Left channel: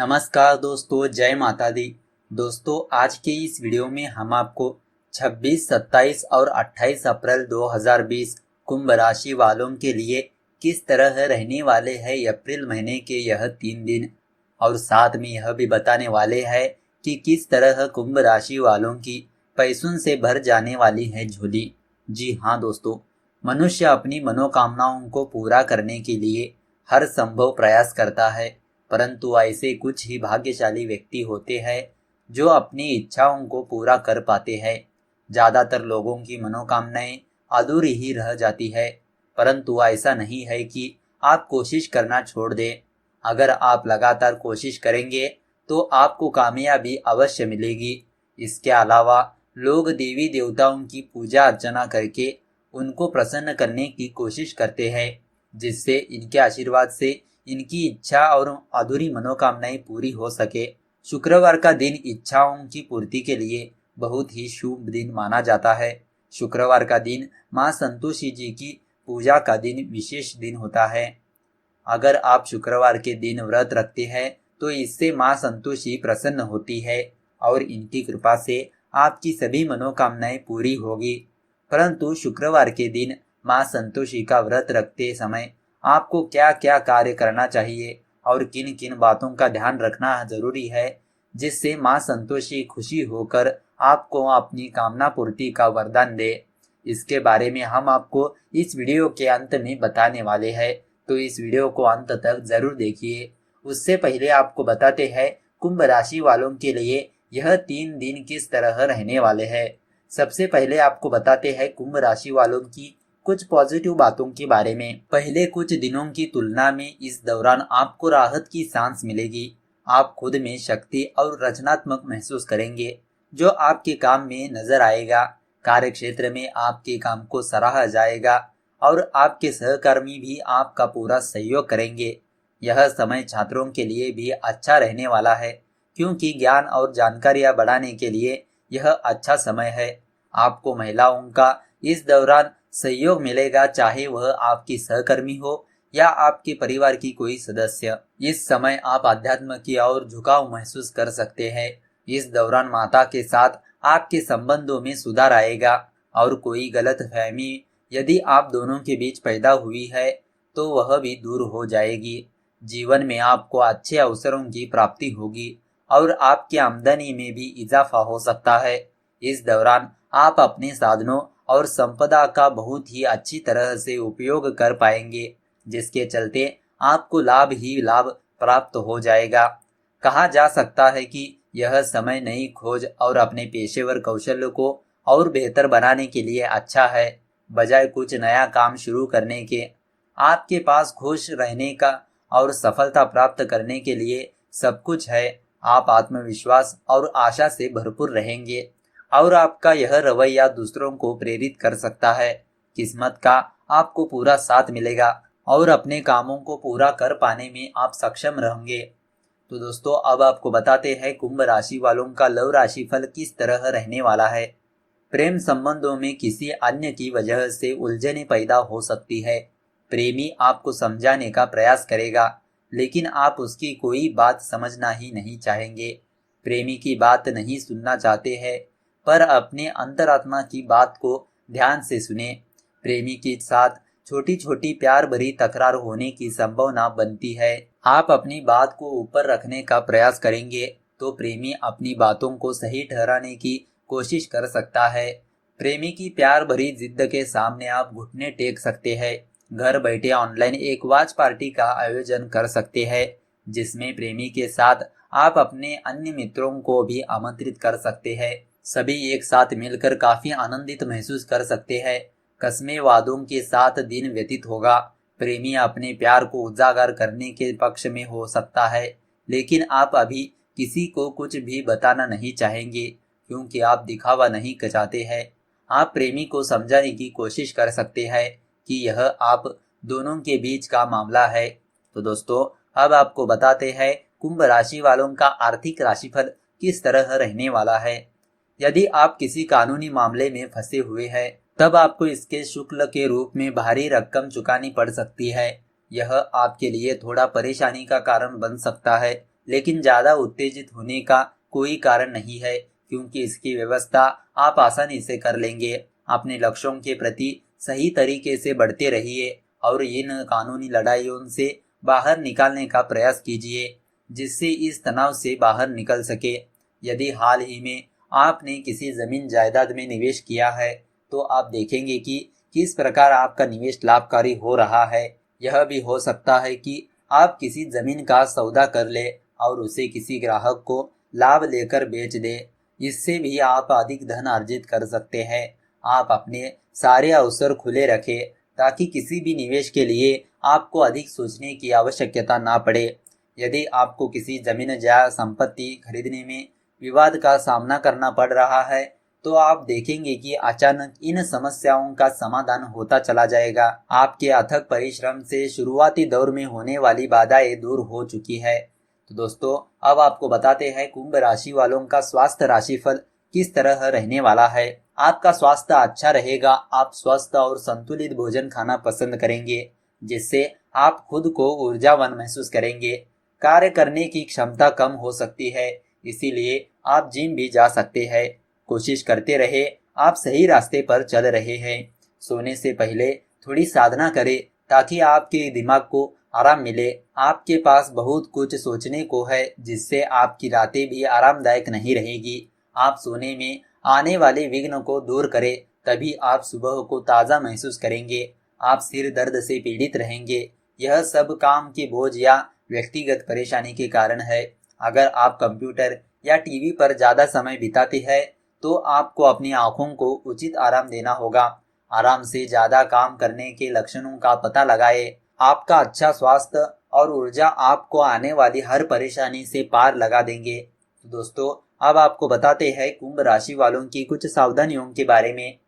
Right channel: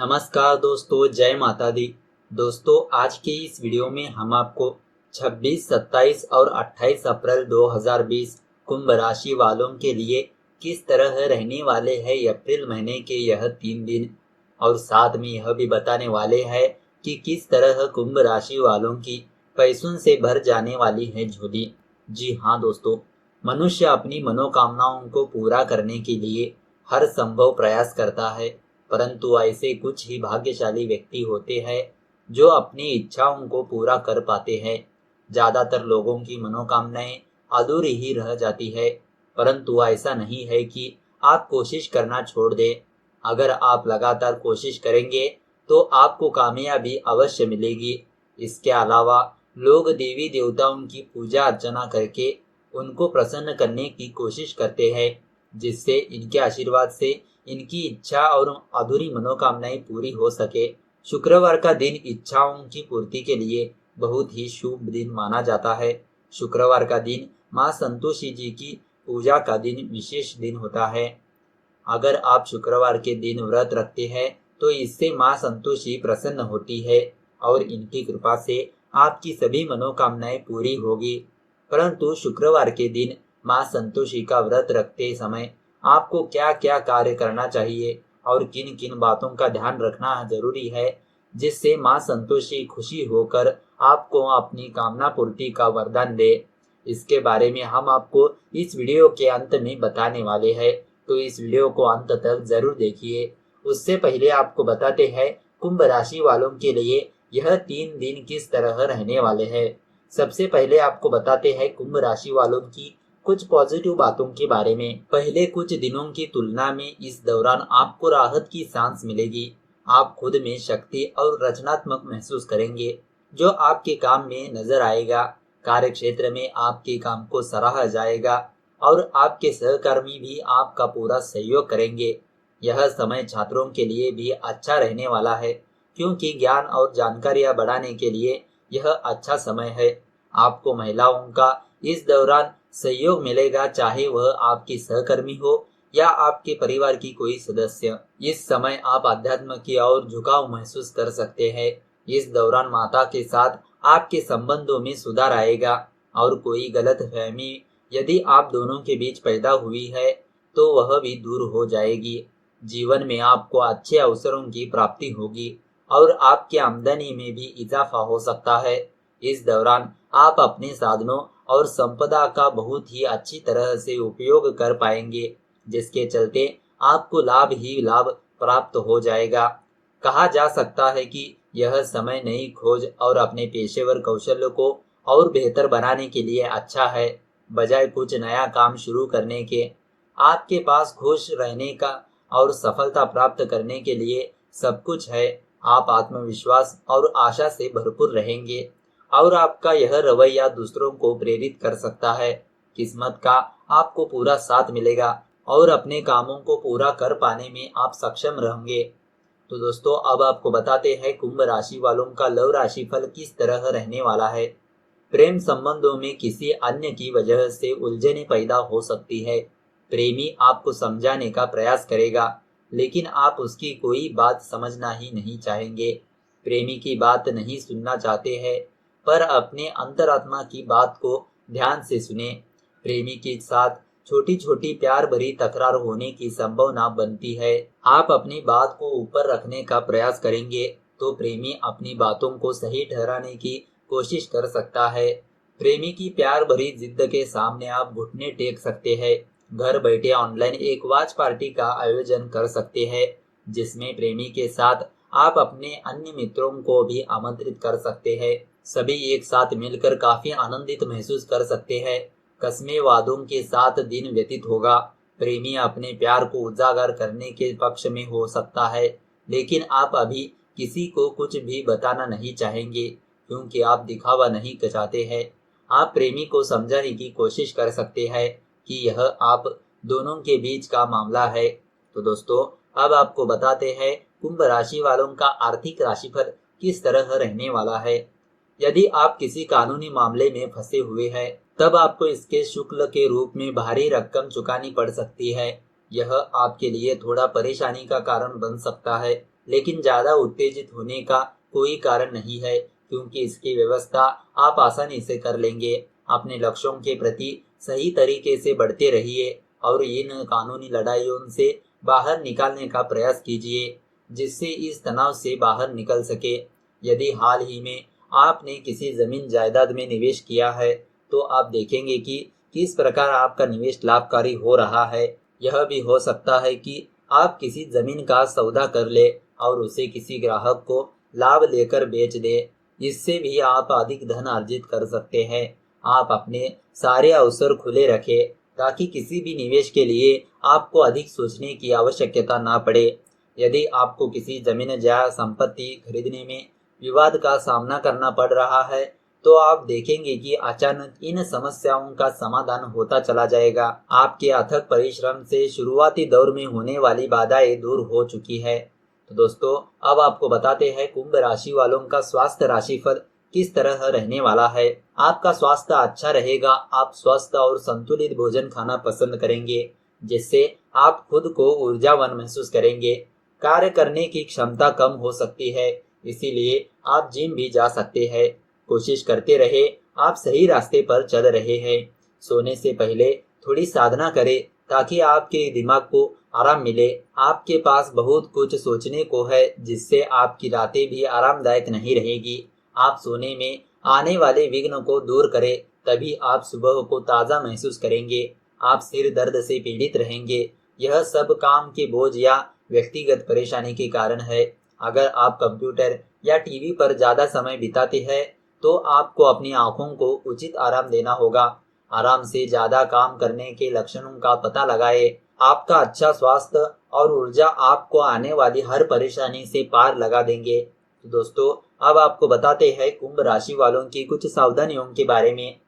नमस्कार दोस्तों, जय माता दी। दोस्तों, आज के इस वीडियो में हम आपको 26, 27 और 28 अप्रैल 2020 कुंभ राशि वालों के लिए किस तरह रहने वाले हैं अप्रैल महीने के यह 3 दिन, और साथ में यह भी बताने वाले हैं कि किस तरह कुंभ राशि वालों की पैसों से भर जाने वाली है झोली। जी हाँ दोस्तों, मनुष्य अपनी मनोकामनाओं को पूरा करने के लिए हर संभव प्रयास करता है, परंतु ऐसे कुछ ही भाग्यशाली व्यक्ति होते हैं जो अपनी इच्छाओं को पूरा कर पाते हैं। ज्यादातर लोगों की मनोकामनाएं अधूरी ही रह जाती है, परंतु ऐसा नहीं है कि आप कोशिश करना छोड़ दें। अगर आप लगातार कोशिश करेंगे तो आपको कामयाबी अवश्य मिलेगी। इसके अलावा लोग देवी देवताओं की पूजा अर्चना करके उनको प्रसन्न करने की कोशिश करते हैं, जिससे इनके आशीर्वाद से इनकी इच्छा और अधूरी मनोकामनाएं पूरी हो सके। शुक्रवार का दिन इच्छाओं की पूर्ति के लिए बहुत ही शुभ दिन माना जाता है। शुक्रवार का दिन मां संतोषी जी की पूजा का दिन विशेष दिन होता है। अगर आप शुक्रवार के दिन व्रत रखते हैं तो इससे मां संतोषी प्रसन्न होती है और इनकी कृपा से आपकी सभी मनोकामनाएं पूरी होगी। परंतु शुक्रवार के दिन मां संतोषी का व्रत रखते समय आपको क्या क्या कार्य करना चाहिए और किन किन बातों का ध्यान रखना जरूरी है, जिससे मां संतोषी खुशी होकर आपको अपनी कामना पूर्ति का वरदान दे, इसके बारे में हम आपको इस वीडियो के अंत में बताने वाले हैं। तो इस वीडियो को अंत तक जरूर देखिए। उससे पहले आपको बताते हैं कुंभ राशि वालों के लिए यह 3 दिन किस तरह रहने वाले हैं। सबसे पहले आपको बताते हैं कुंभ राशि वालों की कुछ पॉजिटिव बातों के बारे में। पहले कुछ दिनों की तुलना में इस दौरान आपको राहत की सांस मिलेगी। आप खुद में शक्ति और रचनात्मक महसूस करेंगे, जो आपके काम में नजर आएगा। कार्य क्षेत्र में आपके काम को सराहा जाएगा और आपके सहकर्मी भी आपका पूरा सहयोग करेंगे। यह समय छात्रों के लिए भी अच्छा रहने वाला है, क्योंकि ज्ञान और जानकारियां बढ़ाने के लिए यह अच्छा समय है। आपको महिलाओं का इस दौरान सहयोग मिलेगा, चाहे वह आपकी सहकर्मी हो या आपके परिवार की कोई सदस्य। इस समय आप अध्यात्म की ओर झुकाव महसूस कर सकते हैं। इस दौरान माता के साथ आपके संबंधों में सुधार आएगा और कोई गलतफहमी यदि आप दोनों के बीच पैदा हुई है तो वह भी दूर हो जाएगी। जीवन में आपको अच्छे अवसरों की प्राप्ति होगी और आपकी आमदनी में भी इजाफा हो सकता है। इस दौरान आप अपने साधनों और संपदा का बहुत ही अच्छी तरह से उपयोग कर पाएंगे, जिसके चलते आपको लाभ ही लाभ प्राप्त हो जाएगा। कहा जा सकता है कि यह समय नई खोज और अपने पेशेवर कौशल को और बेहतर बनाने के लिए अच्छा है, बजाय कुछ नया काम शुरू करने के। आपके पास खुश रहने का और सफलता प्राप्त करने के लिए सब कुछ है। आप आत्मविश्वास और आशा से भरपूर रहेंगे और आपका यह रवैया दूसरों को प्रेरित कर सकता है। किस्मत का आपको पूरा साथ मिलेगा और अपने कामों को पूरा कर पाने में आप सक्षम रहेंगे। तो दोस्तों, अब आपको बताते हैं कुंभ राशि वालों का लव राशि फल किस तरह रहने वाला है। प्रेम संबंधों में किसी अन्य की वजह से उलझने पैदा हो सकती है। प्रेमी आपको समझाने का प्रयास करेगा, लेकिन आप उसकी कोई बात समझना ही नहीं चाहेंगे। प्रेमी की बात नहीं सुनना चाहते हैं, पर अपने अंतरात्मा की बात को ध्यान से सुने। प्रेमी के साथ छोटी छोटी प्यार भरी तकरार होने की संभावना बनती है। आप अपनी बात को ऊपर रखने का प्रयास करेंगे तो प्रेमी अपनी बातों को सही ठहराने की कोशिश कर सकता है। प्रेमी की प्यार भरी जिद के सामने आप घुटने टेक सकते हैं। घर बैठे ऑनलाइन एक वॉच पार्टी का आयोजन कर सकते हैं, जिसमें प्रेमी के साथ आप अपने अन्य मित्रों को भी आमंत्रित कर सकते हैं। सभी एक साथ मिलकर काफी आनंदित महसूस कर सकते हैं। कस्मे वादों के साथ दिन व्यतीत होगा। प्रेमी अपने प्यार को उजागर करने के पक्ष में हो सकता है, लेकिन आप अभी किसी को कुछ भी बताना नहीं चाहेंगे, क्योंकि आप दिखावा नहीं चाहते हैं। आप प्रेमी को समझाने की कोशिश कर सकते हैं कि यह आप दोनों के बीच का मामला है। तो दोस्तों, अब आपको बताते हैं कुंभ राशि वालों का आर्थिक राशिफल किस तरह रहने वाला है। यदि आप किसी कानूनी मामले में फंसे हुए हैं, तब आपको इसके शुल्क के रूप में भारी रकम चुकानी पड़ सकती है। यह आपके लिए थोड़ा परेशानी का कारण बन सकता है, लेकिन ज्यादा उत्तेजित होने का कोई कारण नहीं है, क्योंकि इसकी व्यवस्था आप आसानी से कर लेंगे। अपने लक्ष्यों के प्रति सही तरीके से बढ़ते रहिए और इन कानूनी लड़ाइयों से बाहर निकालने का प्रयास कीजिए, जिससे इस तनाव से बाहर निकल सके। यदि हाल ही में आपने किसी जमीन जायदाद में निवेश किया है, तो आप देखेंगे कि किस प्रकार आपका निवेश लाभकारी हो रहा है। यह भी हो सकता है कि आप किसी जमीन का सौदा कर ले और उसे किसी ग्राहक को लाभ लेकर बेच दे। इससे भी आप अधिक धन अर्जित कर सकते हैं। आप अपने सारे अवसर खुले रखें, ताकि किसी भी निवेश के लिए आपको अधिक सोचने की आवश्यकता ना पड़े। यदि आपको किसी जमीन या संपत्ति खरीदने में विवाद का सामना करना पड़ रहा है, तो आप देखेंगे कि अचानक इन समस्याओं का समाधान होता चला जाएगा। आपके अथक परिश्रम से शुरुआती दौर में होने वाली बाधाएं दूर हो चुकी है। तो दोस्तों, अब आपको बताते हैं कुंभ राशि वालों का स्वास्थ्य राशिफल किस तरह रहने वाला है। आपका स्वास्थ्य अच्छा रहेगा। आप स्वस्थ और संतुलित भोजन खाना पसंद करेंगे, जिससे आप खुद को ऊर्जावान महसूस करेंगे। कार्य करने की क्षमता कम हो सकती है, इसीलिए आप जिम भी जा सकते हैं। कोशिश करते रहे, आप सही रास्ते पर चल रहे हैं। सोने से पहले थोड़ी साधना करें, ताकि आपके दिमाग को आराम मिले। आपके पास बहुत कुछ सोचने को है, जिससे आपकी रातें भी आरामदायक नहीं रहेगी। आप सोने में आने वाले विघ्न को दूर करें, तभी आप सुबह को ताज़ा महसूस करेंगे। आप सिर दर्द से पीड़ित रहेंगे। यह सब काम के बोझ या व्यक्तिगत परेशानी के कारण है। अगर आप कंप्यूटर या टीवी पर ज्यादा समय बिताते हैं, तो आपको अपनी आंखों को उचित आराम देना होगा। आराम से ज्यादा काम करने के लक्षणों का पता लगाएं। आपका अच्छा स्वास्थ्य और ऊर्जा आपको आने वाली हर परेशानी से पार लगा देंगे। तो दोस्तों, अब आपको बताते हैं कुंभ राशि वालों की कुछ सावधानियों के बारे में।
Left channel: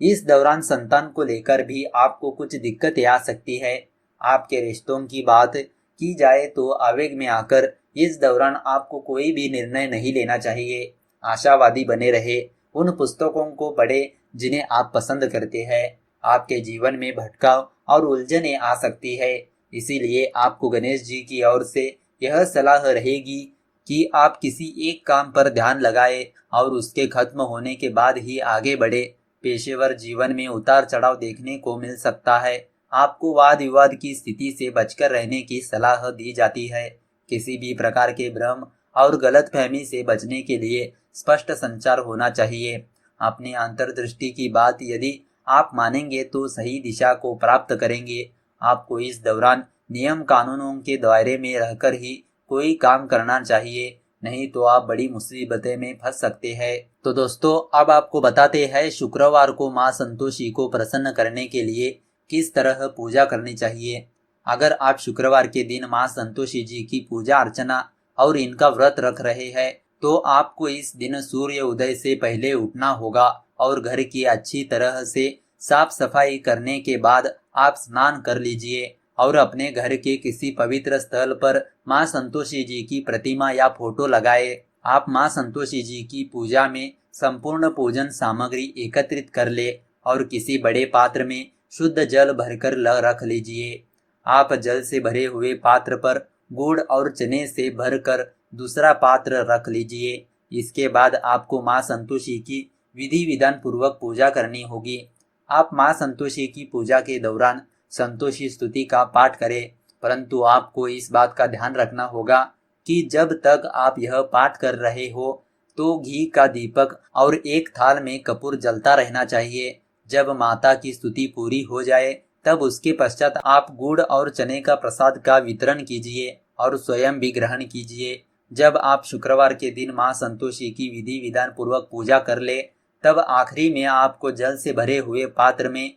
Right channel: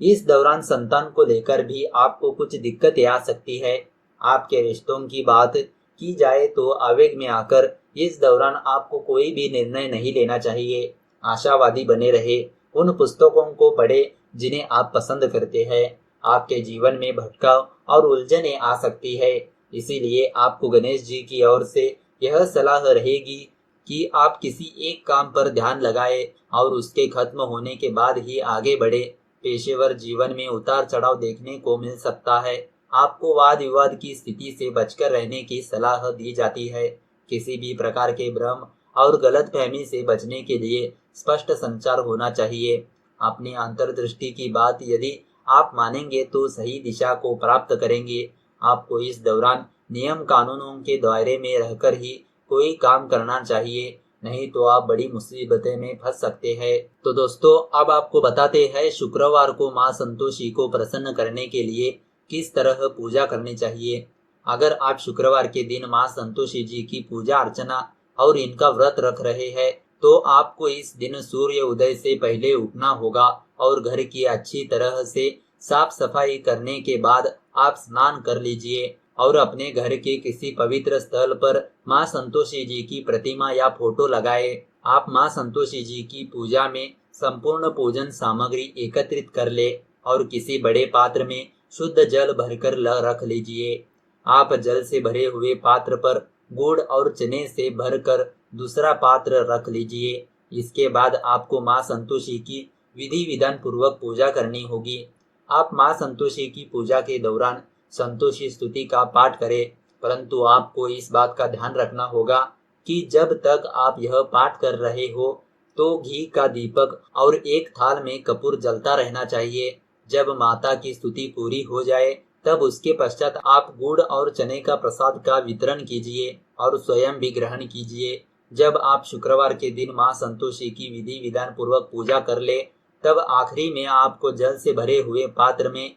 इस दौरान संतान को लेकर भी आपको कुछ दिक्कतें आ सकती है। आपके रिश्तों की बात की जाए तो आवेग में आकर इस दौरान आपको कोई भी निर्णय नहीं लेना चाहिए। आशावादी बने रहे। उन पुस्तकों को पढ़े जिन्हें आप पसंद करते हैं। आपके जीवन में भटकाव और उलझनें आ सकती है, इसीलिए आपको गणेश जी की ओर से यह सलाह रहेगी कि आप किसी एक काम पर ध्यान लगाएं और उसके खत्म होने के बाद ही आगे बढ़े। पेशेवर जीवन में उतार चढ़ाव देखने को मिल सकता है। आपको वाद विवाद की स्थिति से बचकर रहने की सलाह दी जाती है। किसी भी प्रकार के भ्रम और गलतफहमी से बचने के लिए स्पष्ट संचार होना चाहिए। अपनी अंतर्दृष्टि की बात यदि आप मानेंगे तो सही दिशा को प्राप्त करेंगे। आपको इस दौरान नियम कानूनों के दायरे में रहकर ही कोई काम करना चाहिए, नहीं तो आप बड़ी मुसीबतें में फंस सकते हैं। तो दोस्तों, अब आपको बताते हैं शुक्रवार को माँ संतोषी को प्रसन्न करने के लिए किस तरह पूजा करनी चाहिए। अगर आप शुक्रवार के दिन माँ संतोषी जी की पूजा अर्चना और इनका व्रत रख रहे हैं, तो आपको इस दिन सूर्य उदय से पहले उठना होगा और घर की अच्छी तरह से साफ सफाई करने के बाद आप स्नान कर लीजिए और अपने घर के किसी पवित्र स्थल पर माँ संतोषी जी की प्रतिमा या फोटो लगाए। आप माँ संतोषी जी की पूजा में संपूर्ण पूजन सामग्री एकत्रित कर ले और किसी बड़े पात्र में शुद्ध जल भरकर रख लीजिए। आप जल से भरे हुए पात्र पर गुड़ और चने से भरकर दूसरा पात्र रख लीजिए। इसके बाद आपको माँ संतोषी की विधि विधान पूर्वक पूजा करनी होगी। आप माँ संतोषी की पूजा के दौरान संतोषी स्तुति का पाठ करें, परंतु आपको इस बात का ध्यान रखना होगा कि जब तक आप यह पाठ कर रहे हो, तो घी का दीपक और एक थाल में कपूर जलता रहना चाहिए। जब माता की स्तुति पूरी हो जाए, तब उसके पश्चात आप गुड़ और चने का प्रसाद का वितरण कीजिए और स्वयं भी ग्रहण कीजिए। जब आप शुक्रवार के दिन माँ संतोषी की विधि विधान पूर्वक पूजा कर ले, तब आखिरी में आपको जल से भरे हुए पात्र में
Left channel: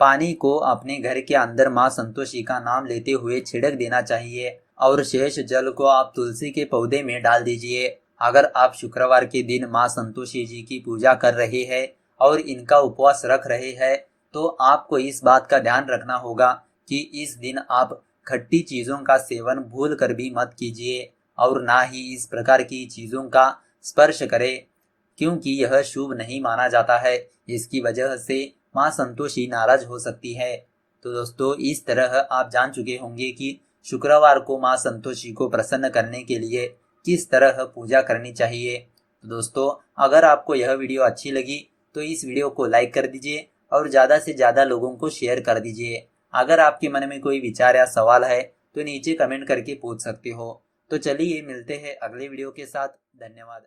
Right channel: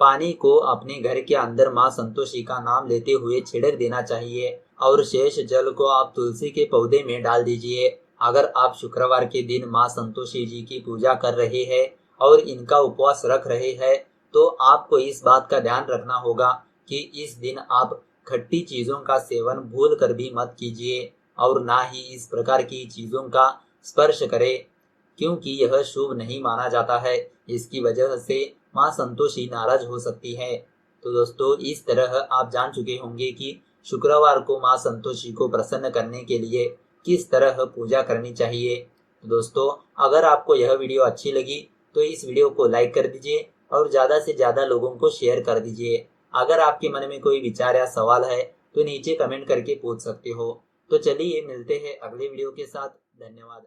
पानी को अपने घर के अंदर माँ संतोषी का नाम लेते हुए छिड़क देना चाहिए और शेष जल को आप तुलसी के पौधे में डाल दीजिए। अगर आप शुक्रवार के दिन माँ संतोषी जी की पूजा कर रहे हैं और इनका उपवास रख रहे हैं, तो आपको इस बात का ध्यान रखना होगा कि इस दिन आप खट्टी चीजों का सेवन भूल कर भी मत कीजिए और ना ही इस प्रकार की चीजों का स्पर्श करें, क्योंकि यह शुभ नहीं माना जाता है। इसकी वजह से माँ संतोषी नाराज हो सकती है। तो दोस्तों, इस तरह आप जान चुके होंगे कि शुक्रवार को माँ संतोषी को प्रसन्न करने के लिए किस तरह पूजा करनी चाहिए। तो दोस्तों, अगर आपको यह वीडियो अच्छी लगी तो इस वीडियो को लाइक कर दीजिए और ज़्यादा से ज़्यादा लोगों को शेयर कर दीजिए। अगर आपके मन में कोई विचार या सवाल है तो नीचे कमेंट करके पूछ सकते हो। तो चलिए मिलते हैं अगले वीडियो के साथ। धन्यवाद।